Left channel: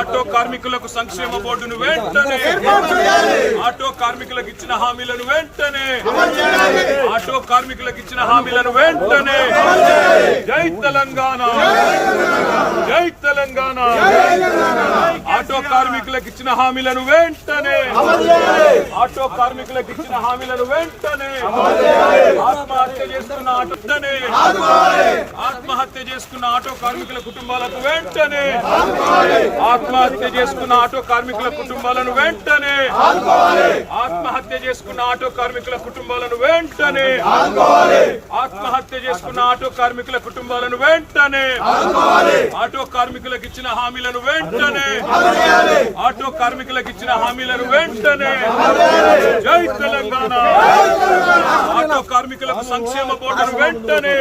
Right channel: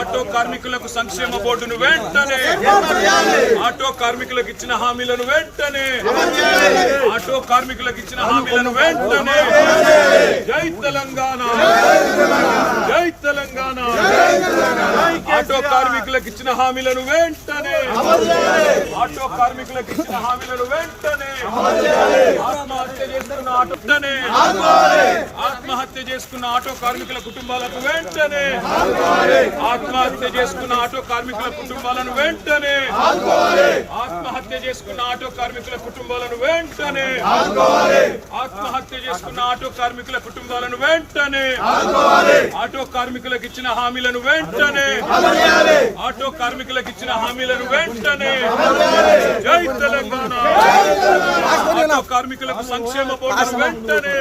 Auto కార్మికులకు సంక్షేమ బోర్డును వెంటనే, ఆటో కార్మికులకు ఇచ్చిన హామీలను వెంటనే, ఆటో కార్మికులకు ఇచ్చిన హామీలను వెంటనే. జై తెలంగాణ, జై తెలంగాణ. ఆటో కార్మికులకు ఇచ్చిన హామీలను వెంటనే, ఆటో కార్మికులకు ఇచ్చిన హామీలను వెంటనే. ఆత్మహత్య చేసుకున్న ఆటోనే, ఆత్మహత్య చేసుకున్న ఆటో కార్మికుల కుటుంబాలకు వెంటనే, ఆత్మహత్య చేసుకున్న ఆటో కార్మికుల కుటుంబాలను వెంటనే, ఆత్మహత్య చేసుకున్న ఆటో కార్మికుల కుటుంబాలను వెంటనే, ఆత్మహత్య చేసుకున్న ఆటో కార్మికుల కుటుంబాలను వెంటనే. ఆటో కార్మికులకు ఇచ్చిన హామీలను వెంటనే, ఆటో కార్మికులకు ఇచ్చిన హామీలను వెంటనే. జై తెలంగాణ. ఆటో కార్మికులకు సంక్షేమ బోర్డును వెంటనే.